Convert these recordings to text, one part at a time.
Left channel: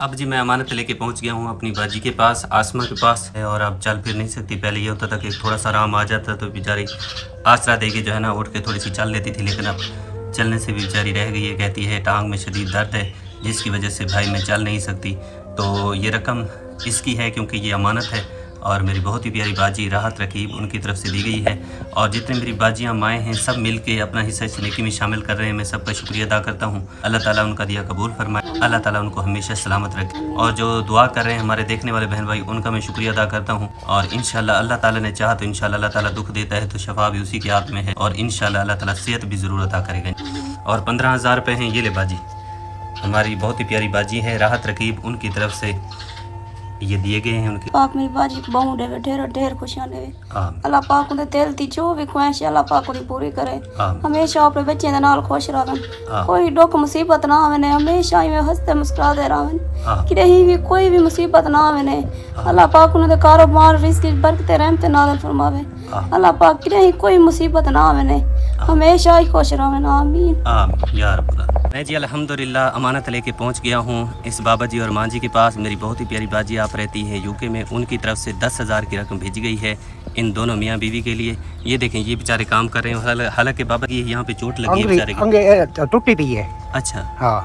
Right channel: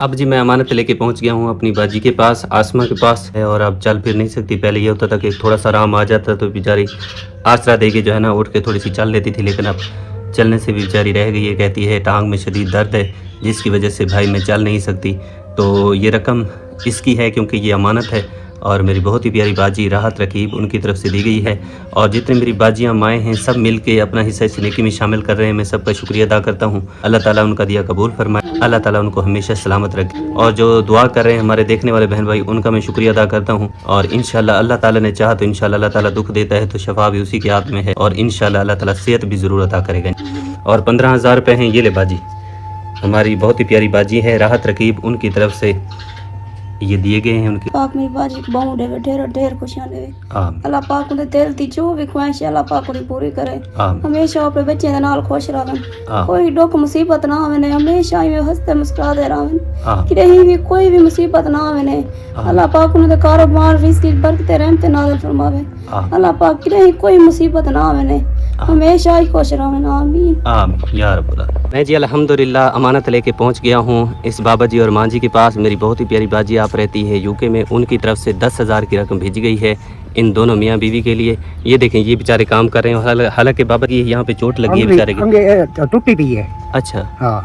اب جی میں امانت لے کے پہنچ گیا ہوں اپنی باجی کے پاس، آسما کے پاس ہے، اور اب چل پھر نہیں سکتی۔ پہلے یہ ہوتا تھا کہ تھوڑا سا آرام آ جاتا تو بیچاری آسرا دے کے جو ہے نا اٹھ کے تھوڑی سی چل لیتی تھی، لیکن اب چلنے سے بھی بیچاری رہ گئی ہے۔ کہتی ہے ٹانگ میں شدید درد ہے جس کی وجہ سے بھائی میں چل نہیں سکتی۔ تو یہ رقم اس کی ہے کیونکہ یہ امانت ہے، اور میری بہت ہی پیاری باجی راحت رقیب ان کی طرف سے دی گئی ہے، اور جتنے میری باجیاں مائیں ہیں سب مل کے اپنا حصہ اس نیکی میں شامل کر رہے ہیں۔ میں سب کا شکریہ ادا کرتا ہوں۔ اللہ تعالیٰ ان کا دیا قبول فرمائے، اللہ تعالیٰ ان کو ہمیشہ سلامت رکھے، اور جو دعا کر رہے ہیں ہمارے دیکھنے والے بہن بھائی ان کا میں شکریہ ادا کرتا ہوں۔ اور انشاءاللہ اللہ تعالیٰ نے چاہا تو انشاءاللہ اللہ تعالیٰ دکھ دیتا ہے تو شفا بھی اسی کے ہاتھ میں ہے، اور انشاءاللہ اللہ تعالیٰ صحت بھی ضرور عطا کرے گا۔ اور 15,000 روپے ہیں، یہ لے باجی، ہماری بہت ہی پیاری باجی ہے راحت رقیب، ان کی طرف سے یہ دیے گئے ہیں۔ ان کی پاک میری باجی کو بہو دے ڈھیر ڈھیر خوشیاں دے، اللہ پاک انہیں دل دی جو بھی خواہش ہے اللہ پاک انہیں پوری کرے، ہمیشہ اپنے بچے دے نال خوش رہن، کوئی دکھ مصیبت نہ آوے نے، ہمیشہ ہی ہنستے مسکراتے رہن، کہیں بھی کوئی بھی مصیبت نہ آوے نے، اللہ پاک انہیں دے کاروبار رزق برکت رحمت نازل فرماوے، اللہ پاک کہیں کوئی مصیبت نہ آوے نے، ہمیشہ ہی خوش رہن، آمین آمین یا رب العالمین۔ میں جی الحمدللہ امانت لے کے پہنچ گیا ہوں اس بابا جی اور ماں جی کے پاس۔ میری بہت ہی پیاری باجی آپ رہتی ہے یو کے میں، ان کی طرف سے 10,000 کی رقم بھیجی گئی ہے ان دونوں میاں بیوی کے لیے۔ یہ دیکھیں یہ بیچارے کام کر رہے ہیں، حالانکہ بابا جی یہاں پہ چوٹ لگی ہے بیچارے کی، ٹوٹی بھی ہے۔ اچھا ہاں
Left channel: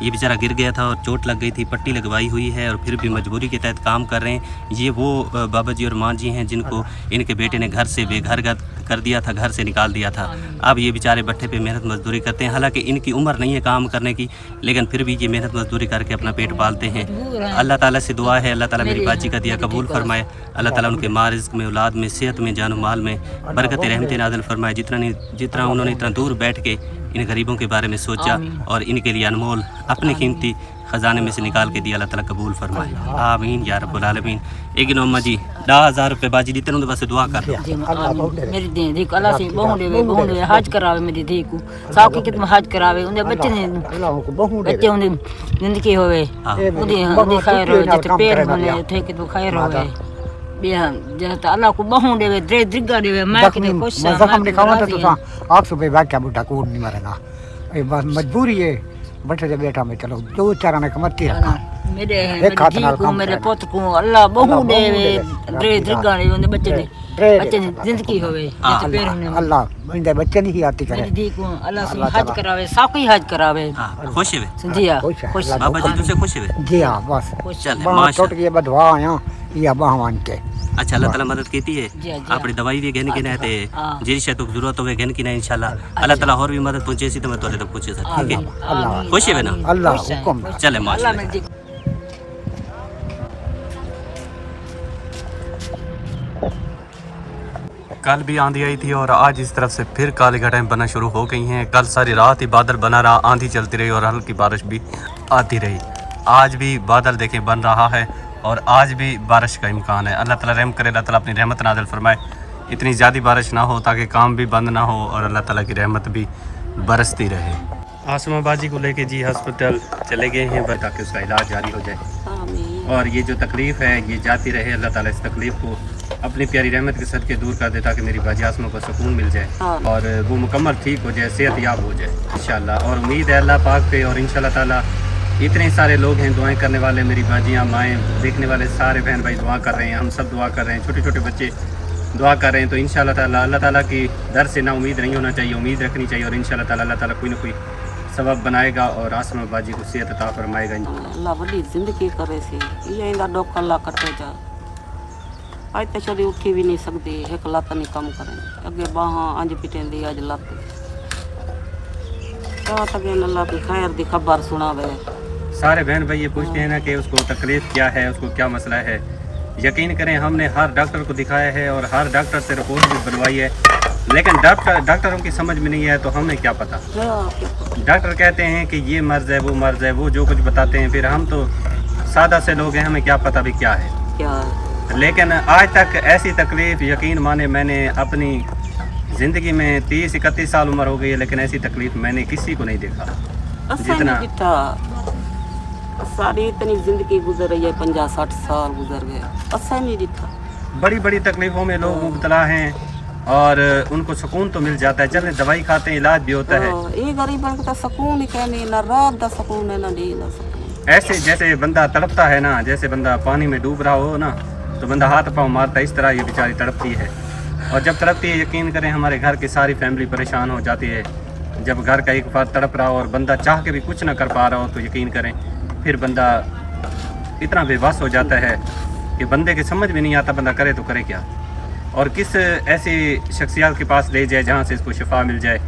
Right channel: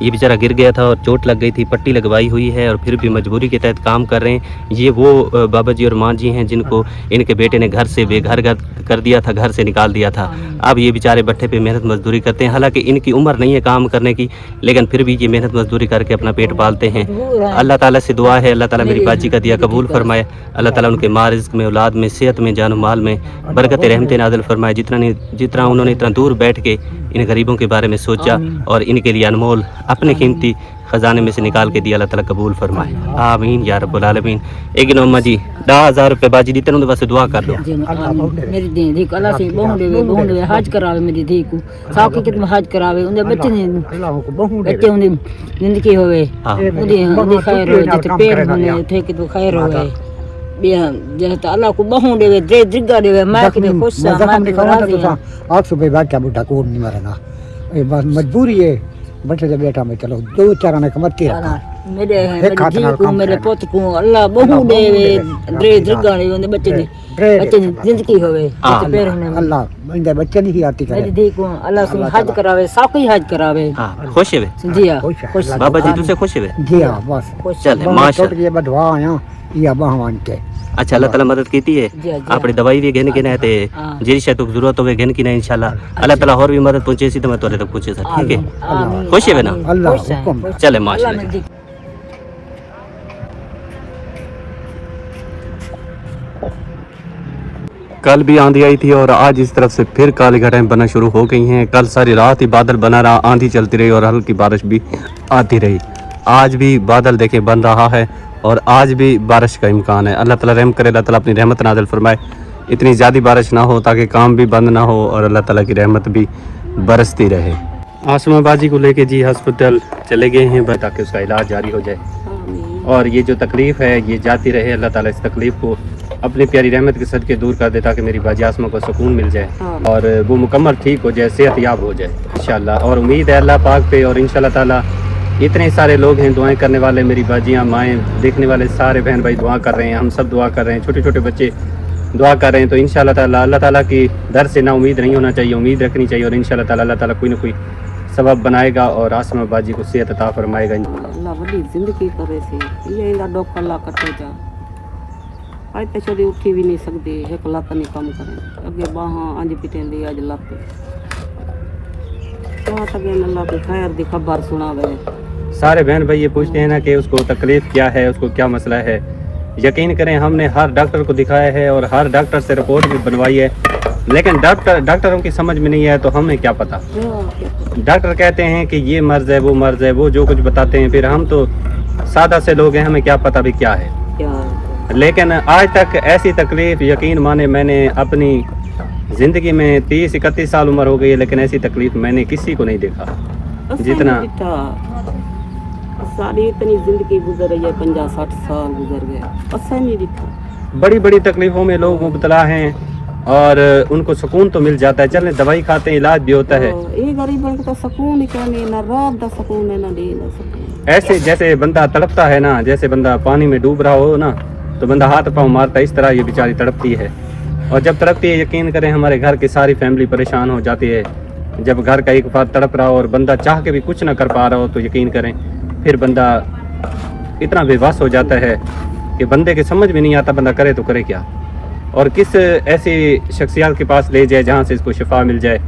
یہ بیچارہ گر گیا تھا اور چوٹ لگ گئی تھی، پٹی لگوائی ہوئی ہے، اور پھر بھی مجبوری کے تحت کام کر رہے ہیں۔ یہ وہ بابا جی اور ماں جی ہیں جن کو ان کے بیٹے نے گھر سے بے گھر کر دیا تھا، گھر سے نکال دیا تھا۔ اب یہ بیچارے بٹھے پہ محنت مزدوری کرتے ہیں، حالانکہ ان کی عمر نہیں ہے کام کرنے کی، لیکن پھر بھی یہ محنت مزدوری کر کے اپنا پیٹ پالتے ہیں۔ اللہ تعالیٰ سے دعا ہے اللہ تعالیٰ میری باجی کا دیا قبول فرمائے، اللہ تعالیٰ ان کے مال رزق میں، اولاد میں، صحت میں، جان و مال میں برکت رحمت نازل فرمائے۔ جتنا انہوں نے اتنا دور بیٹھ کے ان غریبوں کے بارے میں سوچا اور ان کے لیے انمول اپنے قیمتی خزانے میں سے نکال کے دیا، اللہ تعالیٰ قبول فرمائے، آمین یا رب العالمین۔ ایک نوما جی 10,000 روپے باجی دیتے ہیں، بس دعا کر دو۔ میری دھی کو اللہ سے بہو دے حج کراوے، میری دھی کو ساکی کت میں حج کراوے، ان دے بچے ان دی زندگی ہوئے، ان دی خیر ہوئے، جتے پیر ہونے تھے کہ تو خیر ہوئے، جہاں اللہ کو بہو دے دے درگا دے میں کہ خوش ہاں میں راضی ہوں۔ آپ صبح بیٹھا بوٹا کوڑ نہیں مرنا، بس مجبوری ہے بیٹھے سے بیٹھا میں چلو دو چار نے کمرتی رکھا میرے دھی کو میرے پوت کو اللہ بہو دے دے درگا دے ان دے بچے دی زندگی ہوئے، جتے پیر ہونے اللہ ان دے بچے نہیں آتی کرے، میری دھی کو اللہ سے حج کراوے، ساکی حج کراوے۔ خوش ہے جی ہاں خوش بابا جی تجھے خوش ہے؟ جی ہاں بس چلے ماشاء یہ بدوا آیا یہ بہوان کے۔ اچھا اللہ تعالیٰ مدد کیتی ہے، اپنی دوائی بھی گھن کے نہ تے جی شاید ضرورت ہوئے گھن کی نہ انشاءاللہ اللہ تعالیٰ اور بھی مدد پہنچے سی تو میں تورے تک پہنچے سا، ٹھیک ہے؟ خوش ہے نا؟ اللہ حکم چلے ماشاءاللہ۔ کل بھی آندھی آئی تھی اور آج اس طرف سے پھر کالی گھٹائیں بننا شروع ہو گئی ہیں۔ کل ساری رات ہی بادل بنا رہا، آندھی چلتی رہی اور ہلکی بارش بھی آتی رہی۔ آج بھی بادل دیکھیں بن رہا ہے اور آج بھی بارش کا امکان ہے۔ اللہ تعالیٰ رحم کرے، اللہ تعالیٰ اپنی رحمت نازل فرمائے، اتنی زیادہ بارش نہ ہو تاکہ کام بھی بند نہ ہو اور اللہ تعالیٰ کی رحمت بھی برستی رہے۔ آسما باجی کو لے کے جی ہسپتال چلے گئے ہیں تاکہ اس کا علاج جاری ہو جائے، اور یہ جو تکلیف ہے یہ جاتی رہے، اللہ تعالیٰ اس تکلیف کو اپنی پیاری رحمت کے صدقے دور کر دے تاکہ میری باجی آسما کو سکون مل جائے اور وہ مکمل ٹھیک ہو جائے، صحت یاب ہو جائے انشاءاللہ۔ اور امید ہے اللہ پاک پہ، اور انشاءاللہ تعالیٰ اتنے سارے لوگ ہیں دعائیں کرنے والے، میری باجیاں مائیں دیکھنے والے سارے بہن بھائی دعا کر رہے ہیں، ہم سب دعا کر رہے ہیں، چھوٹے چھوٹے بچے دعا کر رہے ہیں، تو انشاءاللہ تعالیٰ اللہ تعالیٰ کی در سے نا امید نہیں ہونا چاہیے، امید رکھنی چاہیے، اور انشاءاللہ تعالیٰ اللہ تعالیٰ کوئی نہ کوئی سبب بنائے گا اور آسما باجی کو صحت عطا فرمائے گا۔ اللہ بڑی زندگی کرے سی یہ اندا ڈوک اللہ کٹے جا آج تے چلی اٹھی بھی نہیں سکتی، ایک لت نہیں کم کرے، اگے باہاں انج پٹیندی اج لت کیا تک اللہ کی خیر دی خبر سناوے۔ سارے بہن بھائی یہ پوچھتے ہیں نا کہ اس کو تکلیف کیا ہے، اس کو کیا مسئلہ ہے۔ یقین کریں ہم نے ہر ڈاکٹر کو دکھایا ہے اور ہر ڈاکٹر سے رپورٹ بھی بنوائی ہے، لیکن ڈاکٹروں کی سمجھ میں نہیں ہے تو ہمیں کیا پتا۔ ڈاکٹر کہتے ہیں کہ یہ مرض ہے وہ مرض ہے، وہ جو کچھ بتاتے ہیں، پھر ہم تو سادہ سے لوگ ہیں، ہمیں کیا پتا بھی کیا ہے۔ لیکن آج تک ایسی تکلیف یقین مانے میں نے اپنی زندگی میں 30-31 سال عمر ہو گئی ہے، لیکن ایسی تکلیف میں نے کسی کو نہیں دیکھا جتنا ساری اتنی زندگی گزر رہی ہے، 50-60 سال گزر گئے، اسا نہیں دیکھا۔ بڑی بڑی تکلیفوں میں لوگ مبتلا ہیں اور ان کو سکون تو مل جاتا ہے، چلیں دوائی کھاتے ہیں، علاج بھی ہوتا ہے۔ یہ غریبوں کو تو سکون ہی کہنے، نہ رات دا سکون ہے نہ دن دا سکون۔ ऐसे जैसे बंदा तड़पता है ना, जैसे बंदा पानी में डूब रहा हो ना, तो बंदा हाथ पाँव मारता है, इस तरह ये बेचारी तड़पती है। और जब तड़पती है, यकीन करें हमारे घर की सारी फैमिली परेशान हो जाती है। जब घर का एक फर्द तड़प रहा हो और बंदा चाह के भी कुछ ना कर पा रहा हो, तो यकीन करें फिर बंदा इतना बेबस हो जाता है कि बंदे के समझ में नहीं आता बंदा करे तो करे क्या, और किस ऐसी शख्सियत के पास ले जाए जहाँ से इसको शिफा मिल जाए।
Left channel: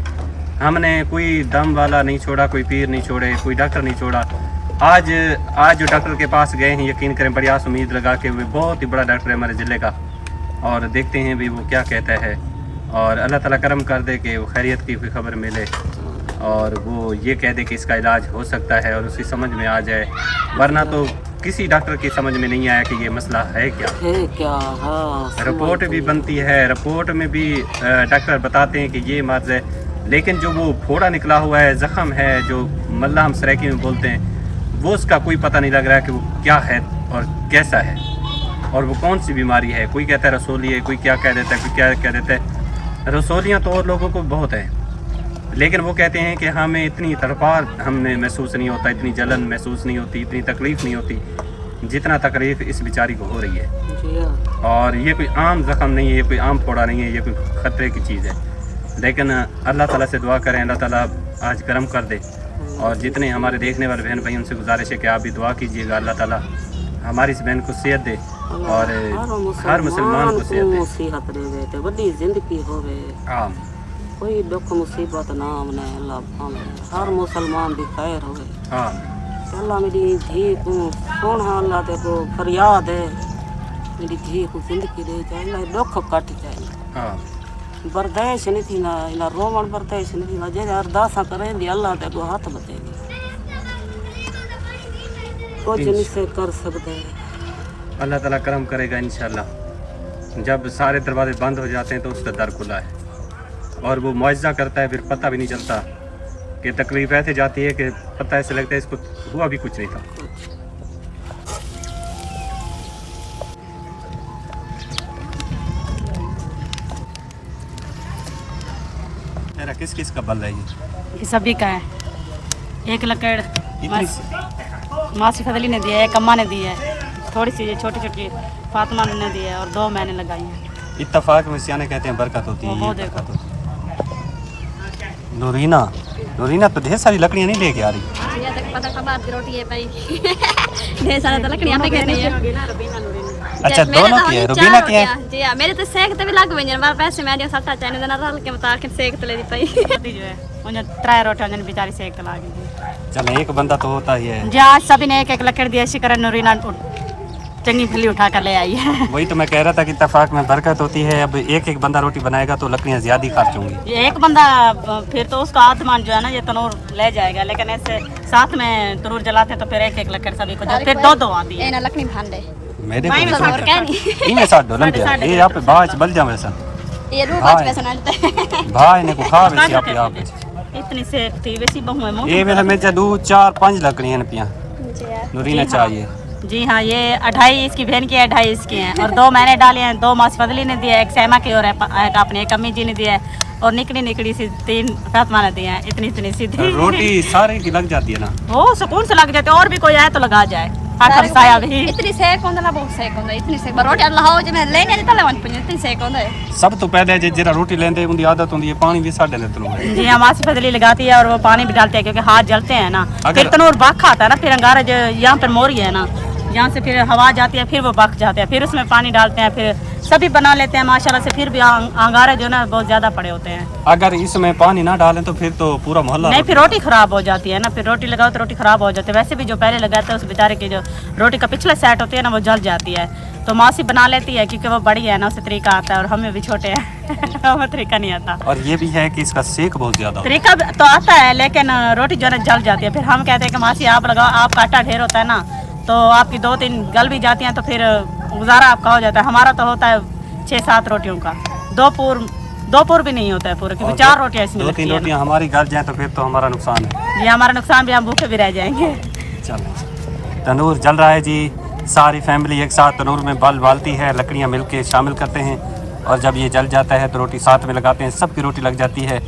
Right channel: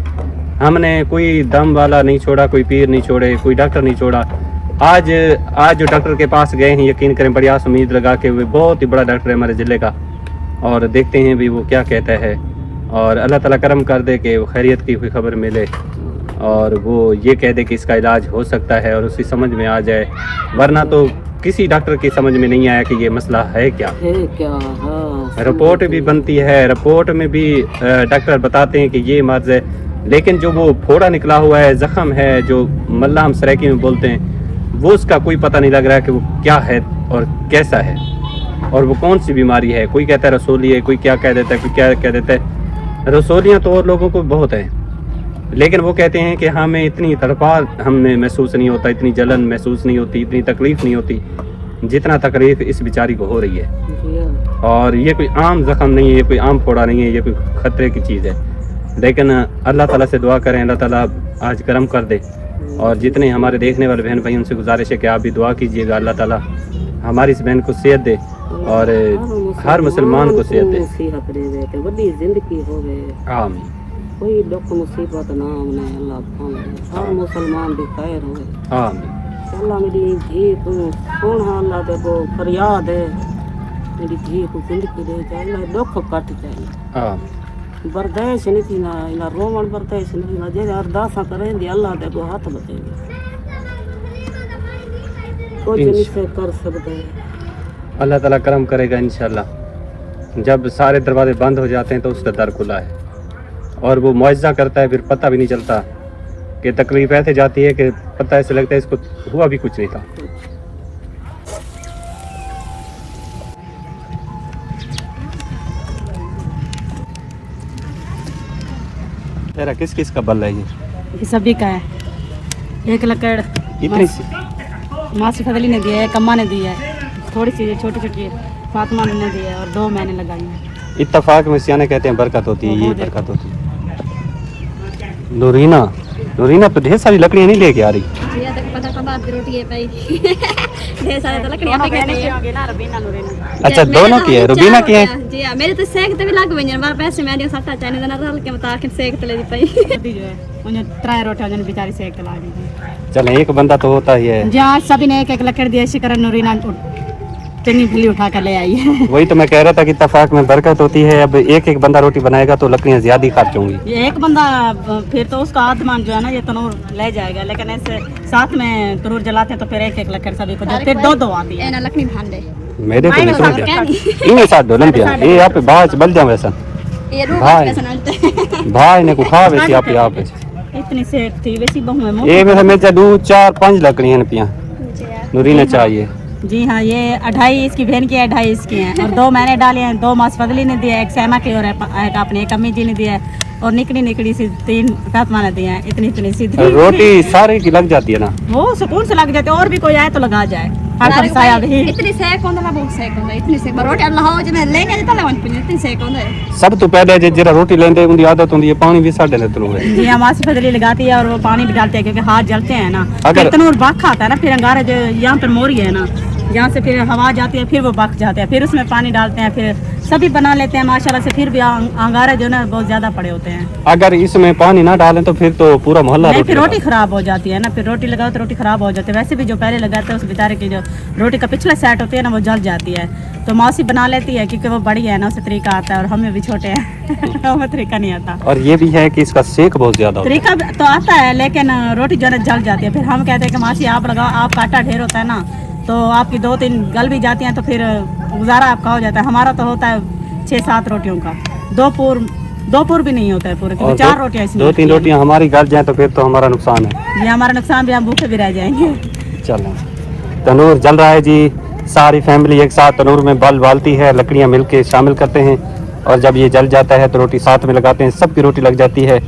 हमने कोई दम वाला नहीं छोड़ा, कोई पीर नहीं छोड़े, कोई डॉक्टर नहीं छोड़ा। आज जो डॉक्टर के पास गए हैं, यकीन करें बड़ी आस उम्मीद लगा के, वो बहुत ही बड़ा डॉक्टर है हमारे ज़िले का, और देखते हैं भी वो क्या कहता है। और अल्लाह ताला करम कर दे कि वो खैरियत की कोई खबर मिले और वो ये कह दे कि इसका इलाज हो सकता है और उसकी समझ में आ जाए, वरना तो किसी डॉक्टर की समझ में नहीं आया कि ये मसला है क्या। रिपोर्ट भी बनती है, रिपोर्ट में भी डॉक्टर बताते हैं कि ये मर्ज है, लेकिन जो वो फोड़ा निकला हुआ है, जख्म है, जो मल्ला हम सराइकी में बोलते हैं, वो उसका कोई पता नहीं लग रहा है कि वो क्या है और कैसा है और वो कौन सी बीमारी है। कोई कहता है रसोली है, कोई क्या कह देता है, कोई क्या कह देता है। रसोलियाँ तो और लोगों को बहुत हैं, लेकिन वो कहते हैं कि हमें इतनी तड़पार हमें महसूस नहीं होता, इतनी जलन महसूस नहीं होती, इतनी तकलीफ़ नहीं होती जितना तकलीफ़ इस बेचारी को हो रही है। और ये कोई आम ज़ख्म नहीं है, ये कोई आम फोड़ा नहीं है, ये कोई ख़तरे की चीज़ है। लेकिन अल्लाह ताला से दुआ करें, अल्लाह ताला आज करम कर दे। और जितने हमारे देखने वाले बहन भाई, उनसे गुजारिश है कि आप भी दुआ कीजिएगा, अल्लाह ताला हमारी इस बहन को सेहत दे और हर मुसलमान को सेहत दे। जिंदगी होवे, आमीन। कोई दुख मुसीबत ना आने, अल्लाह पावे हर मुसलमान भी खैर होवे, आमीन। अल्लाह मेरी धी को कौन है, अल्लाह ते को फरियाद है, मेरी धी को जिंदगी दे जाए, अल्लाह दुख कट जाए। आमीन। बर्दाश्त नहीं थी ना, इना रोमन बर्दाश्त नहीं थी ना, जे अरदासा करेंगे अल्लाह ते को हाथ बतेंगे, कुछ नहीं से कर सकते। अल्लाह ताला करम करेगा इंशाल्लाह। जब सारे दरवाजे बंद हो जाते हैं तो उसका दर खुला है और वो मुआवजा करता है, फिर पता भी नहीं चलता कि तकलीफ ऐसे जाती है कि पता ऐसे लगता है इसको हुआ भी कुछ नहीं था। तेरा किस किस का बल है ये सभी का है। एक लकड़ इतनी सी? मासी फजली ने दिया है, एक अम्मा ने दी है, थोड़ी सी छोटी छोटी फातिमा ने दी है और 2 मैंने लगाई हैं। इत्तफाक में सियाने कहते हैं बरकत होती है, ये बरकत होती है। नूरीना तो ढेर सारी लकड़ियाँ नहीं लेके आ रही। पता कब आपकी रोटी है भाई ढेर सारे तो लकड़ियाँ पे कहते हैं। अच्छा दोनों की है, रुबीना की है? जी हां, मेरे तो सेक तो भी लग गए हैं, पैसे मैं जो सट्टा चाहने देना रहल के बता के सेक तो ले दी पाई जो है उन्हें 3 रोटियां जन बेचारी सेक ला दी। चल एक बंदा तो होता ही है जी, आज सभी ने एक एक लकड़ दी, ऐसी करन नूरीना चंगी थली उठा कर ले आई है। वही तो मैं कह रहा था कि इत्तफाक में बरकत होती है। अब एक एक बंदा रोटी बनाएगा तो लकड़ियाँ ज्यादा खर्च होंगी। ये एक बंदा फिर तो उसका आत्मान जो है ना ये तनूर ले जाएगा, लेकिन ऐसे साथ में तनूर जलाते तो फिर एक एक लकड़ सभी को जो फिर 2 आती है। लकड़ी भांडे मेरे को निकल गया इनके साथ डोलन दिया ये यहाँ पे बाज बल जाओ वैसा भाई ने को खा वैसे यहाँ पे इतनी से थी वैसी बहु है ये मेरा में 2 4 5 लकड़ियाँ पिया नूरीना चाहिए। जी हाँ, ये 2.5 इसकी बहन की है, 2.5 इसकी हैं और 2 मैंने डाले हैं, 2 मास फजली ने दिया, एक सहमा की और एक अपने एक अम्मी जी ने दिया है और निकली सी 3 फातिमा ने दिया है। इतनी सीधी रोटी सारे की लग जाती है ना, वो सुकून से लग जाती है, और भी कोई आए तो लगा जाए। सब तो पहले जरा रोटी लेंदे उनकी आदत होती है पानी भी साढ़े ने तनूर है। जी हाँ, मासी फजली लगाती है और वो पानी भी डालते हैं क्योंकि हाथ जलते हैं ना। अगर तनूर बख आता है ना, फिर अंगारा जो यहाँ पर मोरी है ना, यहाँ से फिर हवा जाती है, फिर वो बख जाते हैं, फिर उसमें पानी डालते हैं, फिर सभी बना लेते हैं माशाल्लाह से। फिर भी अंगारे जो ना बहुत ज्यादा पड़े होते हैं। अगर इसमें पानी ना डालें तो फिर तो पूरा मोहल्ला नहीं, फिर रोटी खराब हो जाती है ना, फिर रोटी लगाओ तो रोटी खराब हो जाती है। वैसे भी जो पहले लगाते हैं उस बेचारे की जो रोटी का पिछला सेट होती है ना वो जल जाती है, तो मासी बना लेती है क्योंकि वो बड़ी है ना, उससे तरीका आता है और हमें भी छोटे हैं हमें तरीका नहीं आता। और ये भी है कि इसका सेक बहुत ज्यादा तरीका तो आता है लेकिन रोटी जो है जल जाती है। फिर हम कहते हैं कि मासी आप लगाओ, आपका आटा ढेर होता है ना तो आपकी 2-3 गल भी जाती हैं तो फिर गुजारा आपका हो जाता है। हमारा तो होता है 6-7 रोटियों का, 2 पूर भी नहीं होता है पूरे, क्योंकि 4 रोटियां इसमें 2-3 रोटियां हमारी गल जाए तो फिर तो हमारा नुकसान है। ये हमारा नुकसान भी, हम भूखे भी रह जाएंगे। चलें, तनूर जल रहा है जी, सारी फैमिली एक साथ तनूर में बल बालती है, लकड़ियाँ मिलके शामिल करते हैं और जब ये जल जाता है तो रोटी साथ में लगाते हैं, सबकी रोटी लग जाती है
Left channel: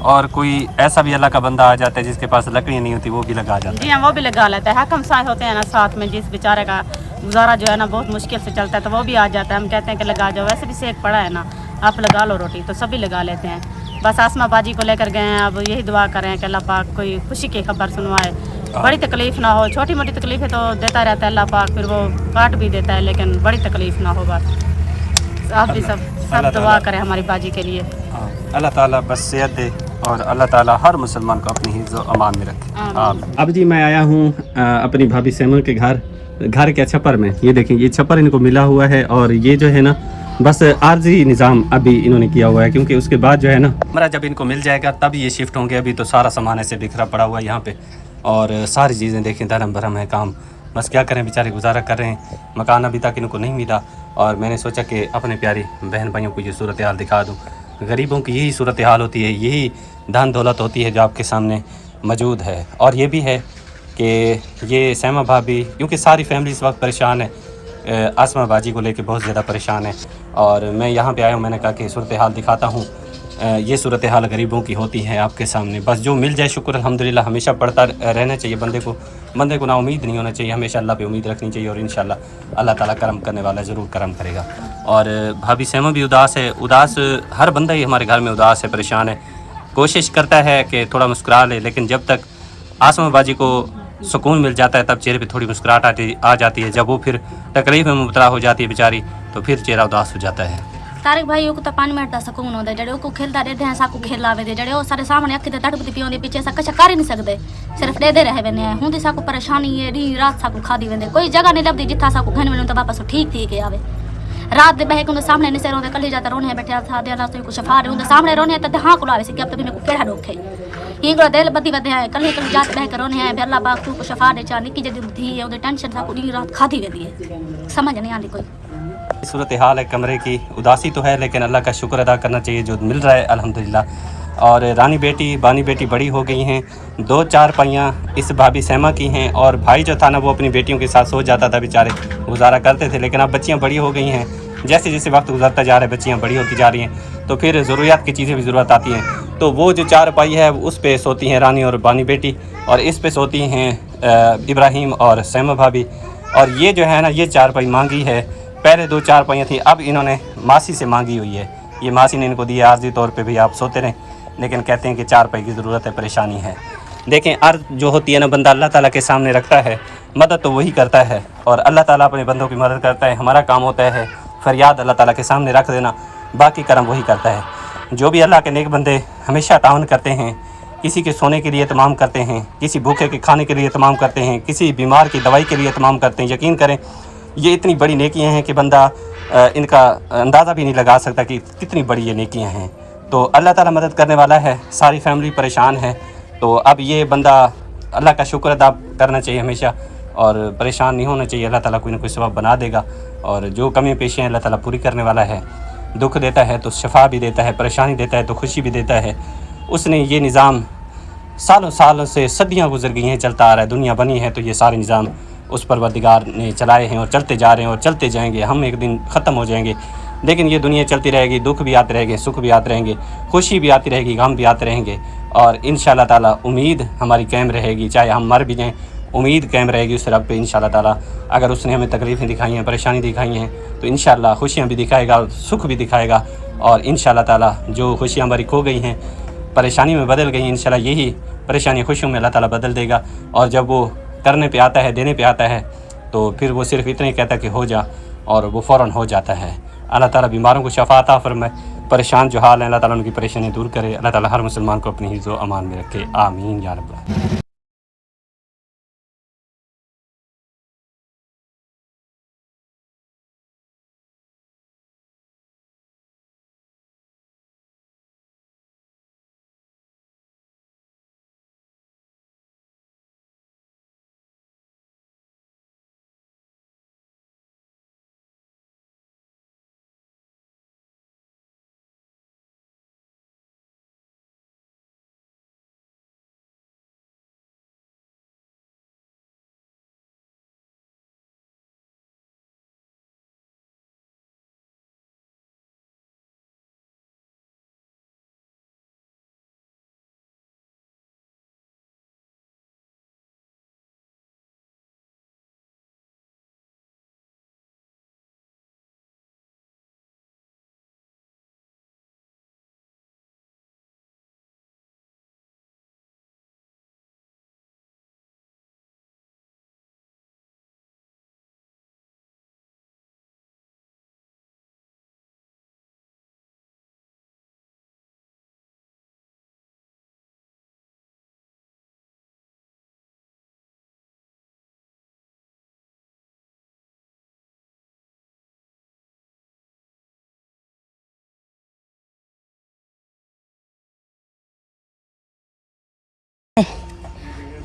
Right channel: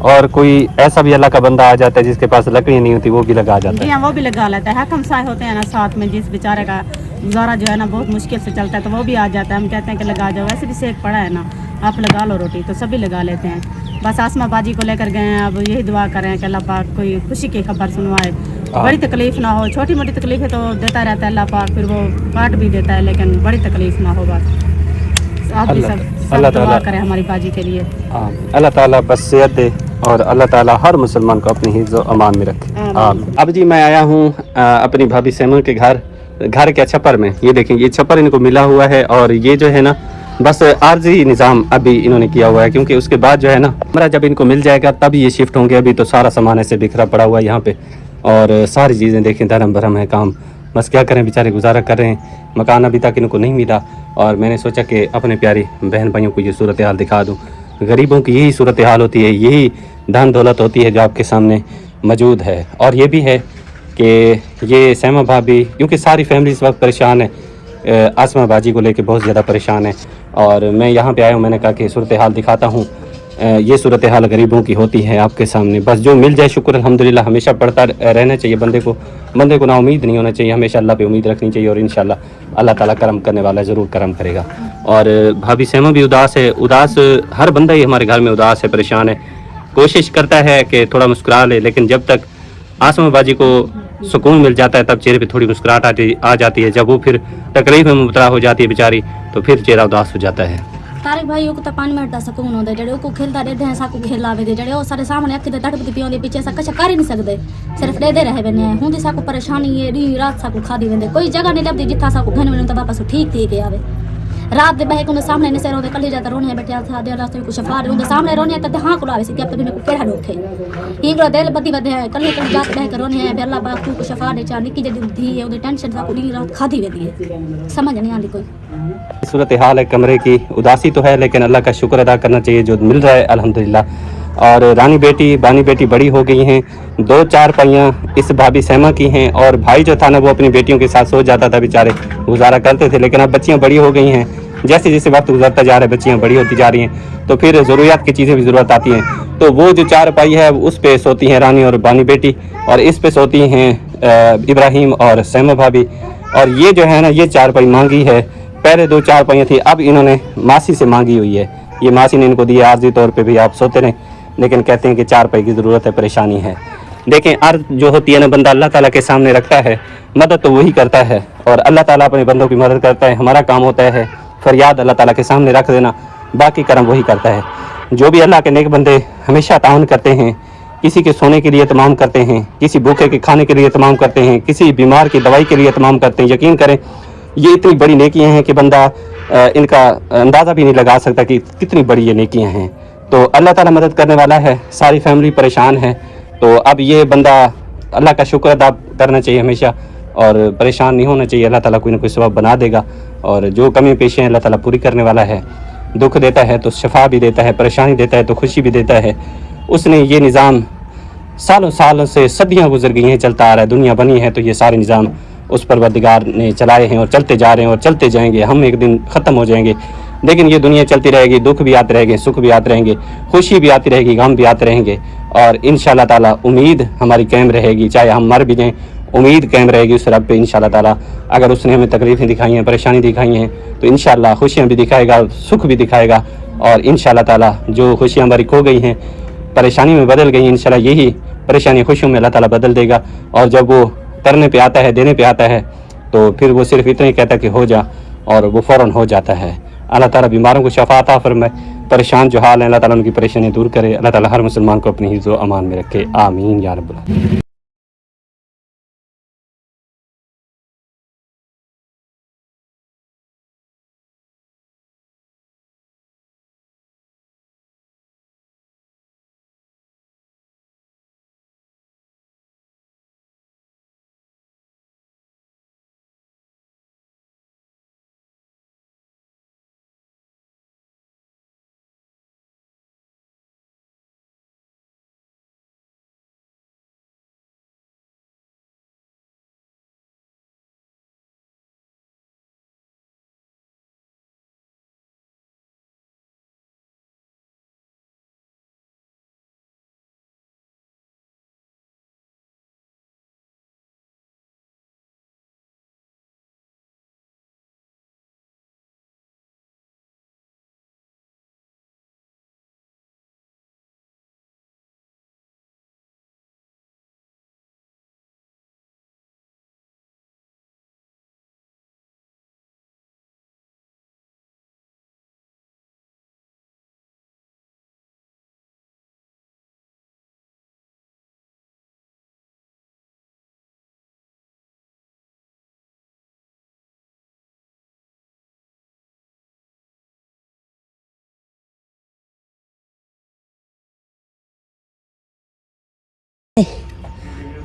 और कोई ऐसा भी अल्लाह का बंदा आ जाता है जिसके पास लकड़ी नहीं होती, वो भी लगा जाता जी है। हाँ, वो भी लगा लेता है। हकम साहब होते हैं ना साथ में, जिस बेचारे का गुजारा जो है ना बहुत मुश्किल से चलता है, तो वो भी आ जाता है। हम कहते हैं कि लगा जाओ, वैसे भी सेक पड़ा है ना, आप लगा लो रोटी, तो सभी लगा लेते हैं। बस आसमा बाजी को लेकर गए हैं, अब यही दुआ करें कि अल्लाह पाक कोई खुशी की खबर सुनवाए, बड़ी तकलीफ ना हो। छोटी मोटी तकलीफें तो देता रहता है अल्लाह पाक, फिर वो काट भी देता है, लेकिन बड़ी तकलीफ ना हो। बस आप भी सब दुआ करें हमारी बाजी के लिए। अल्लाह ताला बस सेहत दे और अल्लाह ताला हर मुसलमान को अपनी हिफ्ज़ व अमान में रखे। अब जी मैं आया हूँ अपनी भाभी सैमा के घर के छप्पर में। ये देखें, ये छप्पर इनको मिला हुआ है और ये जो है ना बस आर्जी निज़ाम अभी इन्होंने किया हुआ है, क्योंकि उसके बाद जो है ना हमारा जब इनको मिल जाएगा तब ये शिफ्ट होंगे। अभी तो सारा सामान ऐसे बिखरा पड़ा हुआ है यहाँ पे और सारी चीज़ें देखें धर्म भरम है काम। बस क्या करें, बेचारे गुजारा कर रहे हैं, मकान अभी तक इनको नहीं मिला। और मैंने सोचा कि अपने प्यारी बहन भाइयों को ये सूरत हाल दिखा दूँ। गरीबों की यही सूरत हाल होती है, यही धन दौलत होती है जो आपके सामने मौजूद है। और ये भी है कि ये सैमा भाभी, क्योंकि सारी फैमिली इस वक्त परेशान है, आसमा बाजी को लेके बहुत ज़्यादा परेशान है। और मैं यहाँ पे आया हूँ, मैंने कहा कि सूरत हाल दिखाता हूँ। ये सूरत हाल गरीबों की होती है आपके सामने। बस जो मिल जाए शुक्र अल्हम्दुलिल्लाह हमेशा पढ़ता रहना चाहिए बंदे को ना उम्मीद नहीं होना चाहिए, हमेशा अल्लाह पे उम्मीद रखनी चाहिए और इंशाल्लाह अल्लाह ताला करम करने वाला ज़रूर करम करेगा। और भाभी सैमा भी उदास है, उदास हर बंदा ही हमारे घर में उदास है, परेशान है, कोशिश करता है कि थोड़ा मुस्कुरा ले, लेकिन जब तक आसमा बाजी को सुकून मिल जाता है तब चेहरे पे थोड़ी मुस्कुराहट आ जाती है। जब वो फिर तकलीफ में मुबतला हो जाती है बेचारी, तो फिर चेहरा उदास हो जाता है। तारिक भाई को तो 5 मिनट का सुकून होता है, जेडे को खेलता रहते हैं, साकू खेलावे दे, जेडे वो सारे सामने अखी ते तड़पती पी होंदी, पीछे सा कुछ कर ही नहीं सकते, सिर्फ दे रहे वेंदे हैं। हुंदी साकू परेशानी है, डी रात साकू खादी वेंदे, कोई जगह नहीं लभदी जिथा साकू घन वणू तो वापस ठीक थी के आवे। रात दे बहे को सामने नहीं से रोंदे, कल जाता रोने बैठे था दे रात को शफा रे उनके सामने रोने तो हां कुलावे से कि अब तो मेरे को केड़ा डोखे हिंगड़ा दिल बदी वदे है, कल जात बह के रोने है अल्लाह पाक तू को शफा दे, चा निकी जदी धी है उदे टेंशन साकू डी रात खादी वेंदी है, समझ नहीं आंदी कोई सूरत हाल है कमरे की। उदासी तो है लेकिन अल्लाह का शुक्र अदा करना चाहिए जो मिल रहा है अल्हम्दुलिल्लाह। और बानी बेटी बड़ी हो गई हैं, 2 चारपाइयाँ इस भाभी सैमा की हैं और भाई जो था ना वो अपनी बेटियों के साथ सो जाता था, बेचारे गुजारा करते थे। लेकिन अब बच्चियाँ बड़ी हो गई हैं, जैसे जैसे वक्त गुजरता जा रहा है बच्चियाँ बड़ी होती जा रही हैं, तो फिर ज़रूरियात की चीज़ें भी ज़रूरत आती हैं। तो वो जो चारपाई है उस पे सोती हैं रानी और बानी बेटी, और इस पे सोती हैं इब्राहिम और सैमा भाभी। और ये जो है ना ये चारपाई मांगी है, पहले 2 चारपाइयाँ थी, अब इन्होंने मासी से मांगी हुई है। ये मासी ने इनको दी है आर्जी तौर पे भी आप सोते रहें, लेकिन कहते हैं कि चारपाई की ज़रूरत है, परेशानी है। देखें अर्ज़ जो होती है ना बंदा अल्लाह ताला के सामने रखता है, मदद तो वही करता है और अल्लाह ताला अपने बंदों की मदद करता है। हमारा काम होता है फरियाद अल्लाह ताला के सामने रख देना, बाकी करम वही करता है। जो भी अल्लाह के नेक बंदे हमेशा ताउन करते हैं, किसी के सोने के लिए तमाम करते हैं, किसी भूखे के खाने के लिए तमाम करते हैं, किसी बीमार की दवाई के लिए तमाम करते हैं, यकीन करें ये इतनी बड़ी नेकियां हैं कि बंदा इनका अंदाज़ा भी नहीं लगा सकता कि कितनी बड़ी ये नेकियां हैं। तो अल्लाह ताला मदद करने वाला है, सारी फैमिली परेशान है। तो अब ये बंदा अल्लाह का शुक्र अदा करना चाहिए हमेशा और परेशान नहीं होना चाहिए। अल्लाह ताला कोई ना कोई सबब बना देगा और जो कमी पेशी हैं अल्लाह ताला पूरी करने वाला है। दुख देता है तो शफा भी देता है, परेशानी देता है तो खुशी भी देता है। उसने ये निज़ाम सालों सालों से सदियाँ गुजर गई हैं चलता आ रहा है, दुनिया बनी है तो ये सारे निज़ाम उस परवरदिगार ने चलाए हैं और चलते जा रहे हैं और चलते जाएंगे। हम एक दिन ख़त्म हो जाएंगे, लेकिन ये दुनिया चलती रहेगी, दुख भी आते रहेंगे, सुख भी आते रहेंगे, खुशी भी आती रहेगी, गम भी आते रहेंगे। और इंशाअल्लाह ताला उम्मीद हमारी कायम रहेगी, चाहे हम मर भी जाएँ उम्मीद कायम रहेगी उस रब पे इंशाअल्लाह ताला। अगर उसने हमें तकलीफ़ें दिखाई हैं, परेशानी दिखाई हैं, तो इंशाअल्लाह खुशियाँ भी दिखाएगा, सुख भी दिखाएगा। और इंशाअल्लाह ताला जो खुशियाँ हमारी खो गई हैं, परेशानी में बदल गई, इंशाअल्लाह यही परेशानी खुशियों में अल्लाह ताला बदल देगा। और जब वो करने पे आता है, देने पे आता है, तो फिर वो सिर्फ इतना ही कहता है कि हो जा, और वो फ़ौरन हो जाता है। अल्लाह ताला बीमारों को शफ़ा अता फरमाए, परेशान जो हाल है अल्लाह ताला उनकी परेशानी दूर करे। अल्लाह ताला हर मुसलमान को अपनी हिफ्ज़ व अमान में रखे, आमीन या रब्बल।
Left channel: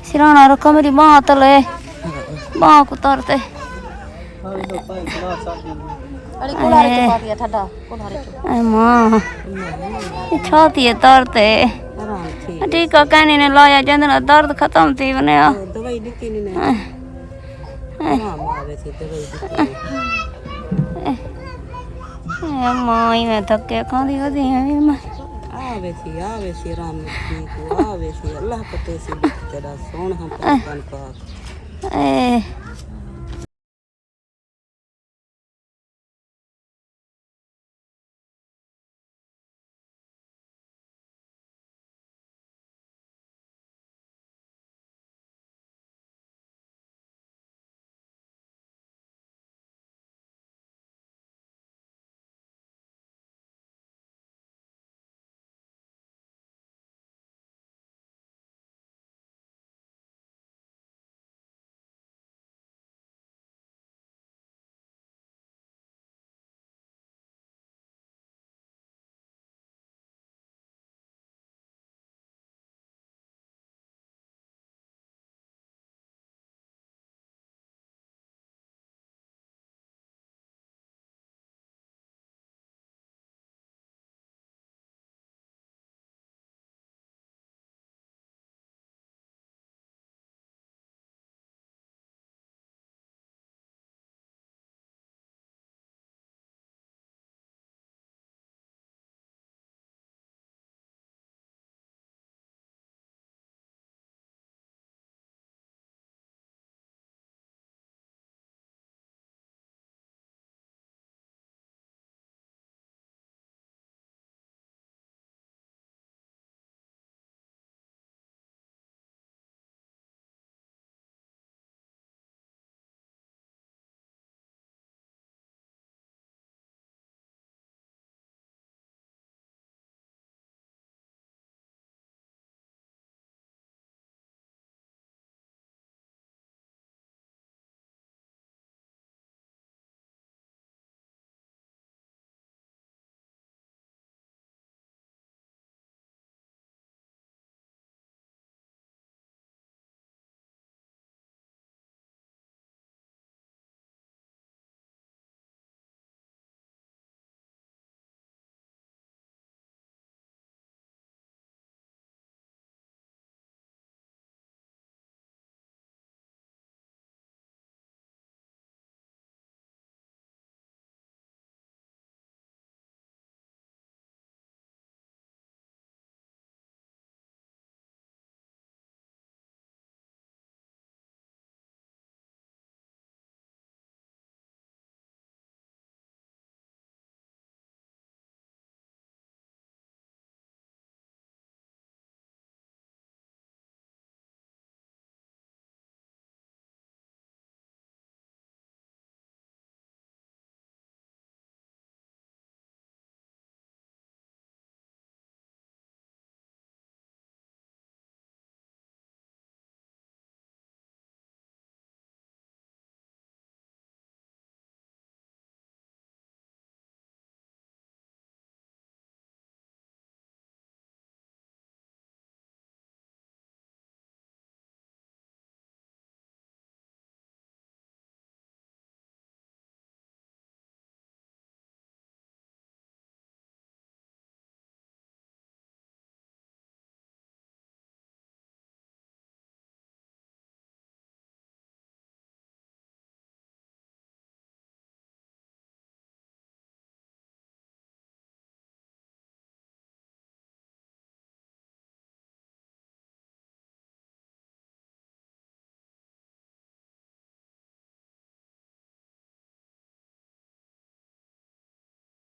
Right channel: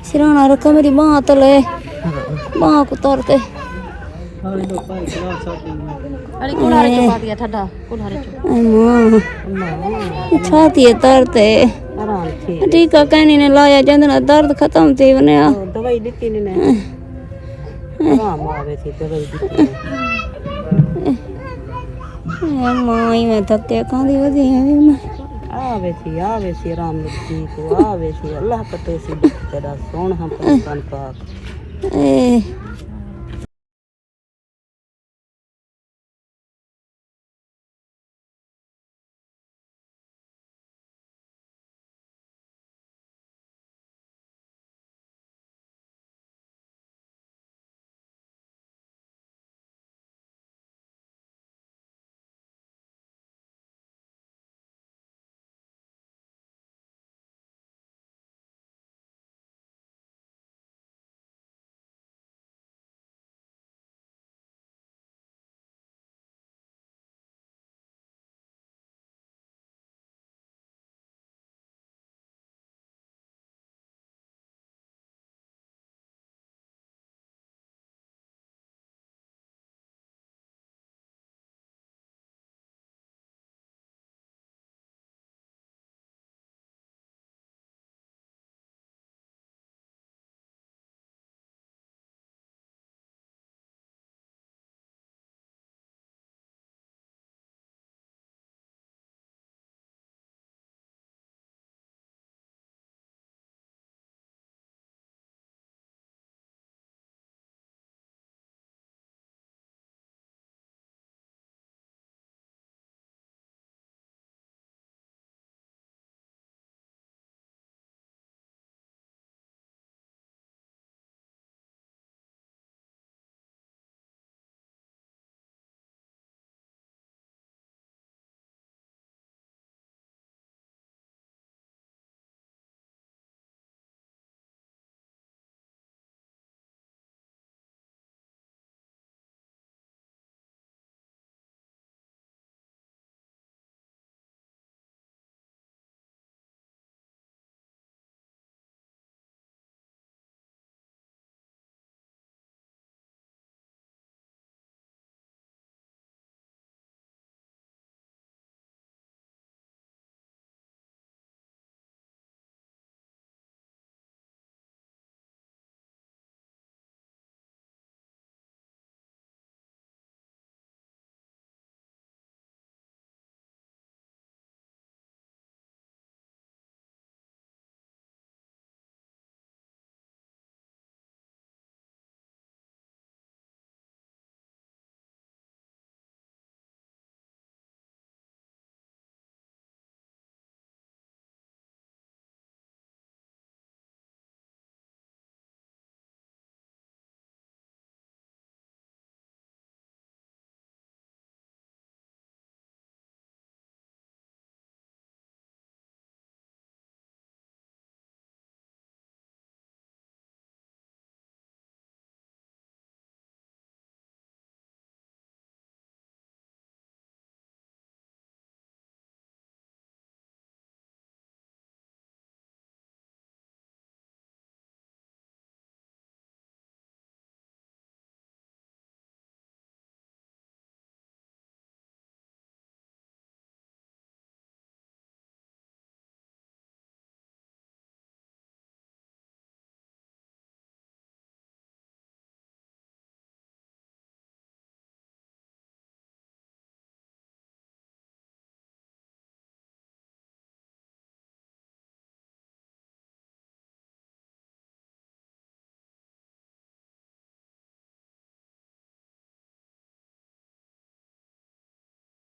सिराना रखा मेरी माँ तले माँ को तरते माँ छाती है तरते टीका कहनी ने लाया जंदना दर्द खत्म थी बने माँ ही मैं थके खांदी वधी मैं आवे सी राम जी को आवे सी अल्लाह पते सी तेरा सोन हम पाक